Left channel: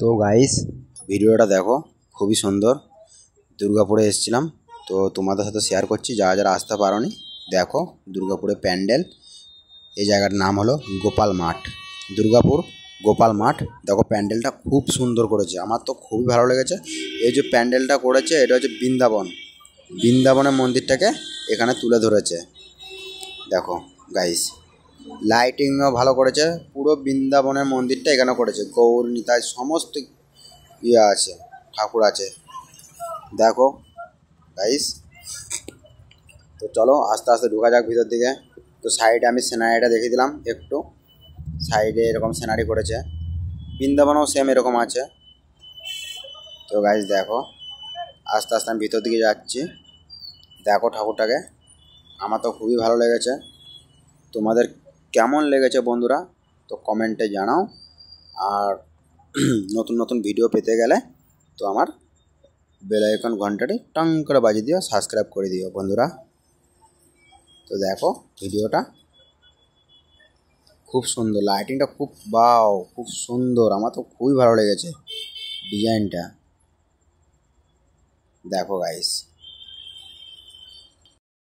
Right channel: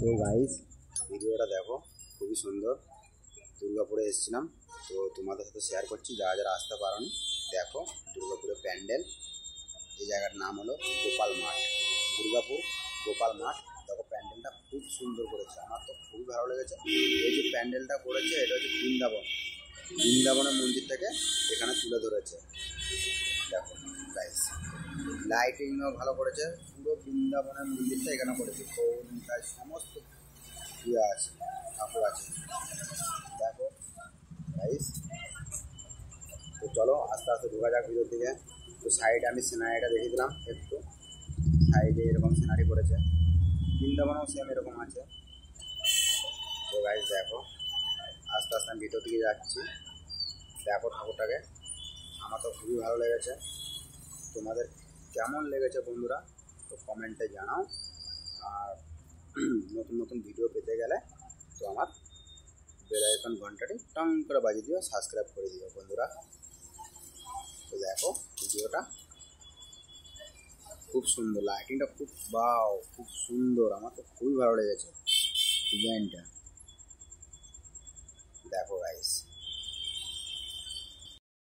তো গাইস ভিডিওটা দেখো, খুবই সুন্দর। দুর্গাপুরে এসেছিলাম, তো তোমাদের সাথে শেয়ার করছি। যারা যারা আসতে পারোনি, দেখো দুর্গাপুরে প্যান্ডেল। এই জায়গার নাম হলো গোপাল মাঠ, দুর্গাপুর গোপাল মাঠ। দেখো প্যান্ডেলটা খুব সুন্দর করেছে, আমার তো খুবই ভালো লেগেছে। এই যে প্যান্ডেলটা করেছে, এটা হচ্ছে বৃন্দাবনের মন্দিরটাকে এখানে তুলে ধরেছে। দেখো গাইস, লাইটিংও ভালো করেছে। পুরো বৃন্দাবনের মন্দিরটা এখানে করেছে, গৌর নিতাই সমস্ত ইয়ে আছে, ঠাকুর আছে। দেখো গাইস, তো চলো আস্তে আস্তে ঢোকা যাক ভিতর দিকে। তো সাইডে আমি সিনারিটা দেখিয়ে দিলাম একটু। সাইডে এরকম সিনারি করেছে, বৃন্দাবনও সেম এরকম আছে। তো গাইস দেখো, আস্তে আস্তে আমি ভিতর দিকে যাচ্ছি। দেখো ঠাকুরটাকে, আমার তো খুবই ভালো লেগেছে। তোমাদের কেমন লেগেছে বন্ধুরা, তো কমেন্টে জানাও। আর নতুন নতুন ভিডিও পেতে গেলে তো আমার বেল আইকন ঘন্টাটি টং করে বাজিয়ে দিও, সাবস্ক্রাইব করে দিও বন্ধুরা। তো দেখো ভিডিওটা খুব সুন্দর, লাইটিংটা খুব খুব সুন্দর। আমার তো খুবই ভালো লেগেছে ডিজাইনটা। দেখো গাইস।